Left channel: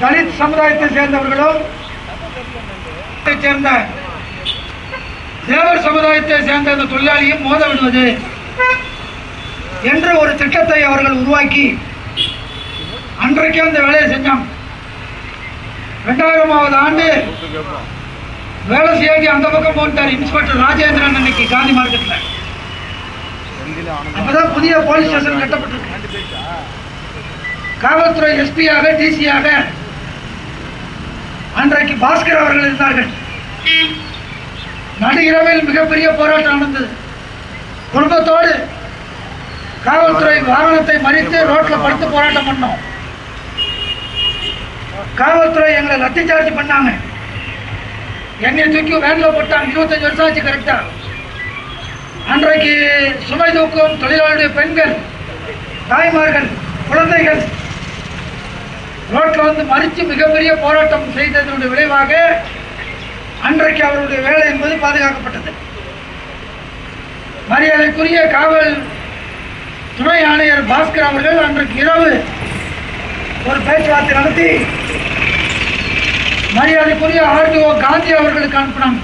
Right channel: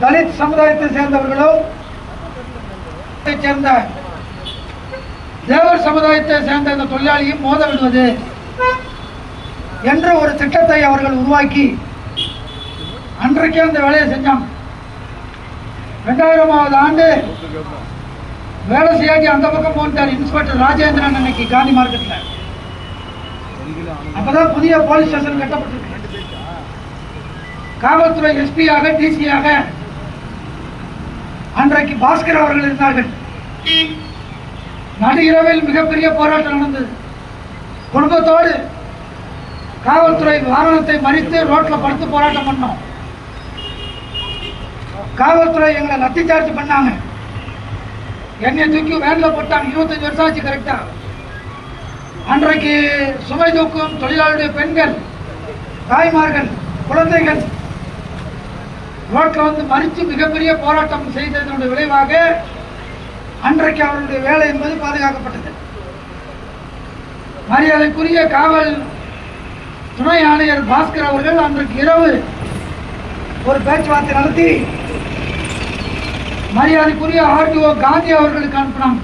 தலித் சமுதாயத்தை சேர்ந்தவர்களோ சேர்ந்த தேவர் சமுதாயத்தை சேர்ந்த அந்த தொழிலாளியும் மோத விடுவது என்ற ஒரு திட்டத்தை அவர்கள் உருவாக்கி அன்றைக்கு அந்த வேலையை செஞ்சாங்க. 2000வது ஆண்டு வேலை செய்யாட்டி அந்த பக்கம் போட்டார் இன்ஸ்பெக்டர் ராஜேந்திரன் அன்னைக்கு காந்தி மார்க்கெட்ல. அப்பதான் புதிய போலீஸ் ஸ்டேஷன் கட்டப்பட்டிருக்கு. காவல்துறை எஸ்பியாக டிசியாக அன்றைக்கு பாஸ்கர் அவர்கள் இருந்தார்கள். நடு இரவில் மிகப்பெரிய போராட்டம் நடந்தது. குடும்பத்தோடு காவல்துறை வாகனத்தை மறித்து ரோட்ல படுத்து போராட்டம் பண்ணோம். காவல்துறை எங்களை லத்தி சார்ஜ் பண்ணாங்க. என்னை தூக்கி வேன்ல போட்டாங்க. 25 வருஷம் ஆச்சு கரெக்டா. அன்றைக்கு சுமை தூக்கும் தொழிலாளருடைய பெண்கள், தாய்மார்கள், குழந்தைகள் ரோட்ல வந்து மறித்து மிகப்பெரிய போராட்டம் செய்ததனுடைய விளைவாக அன்றைக்கு அவருடைய வேலை என்பது பாதுகாக்கப்பட்டது. மரியாதைக்குரிய காவல் துணை ஆணையர் பாஸ்கர் அவர்கள் அன்றைக்கு இரவு ஒரு பேச்சுவார்த்தை நடத்தி மரியாதைக்குரிய ஆர்டிஓ காந்தி அவர்களுக்கு அனுப்பினாங்க.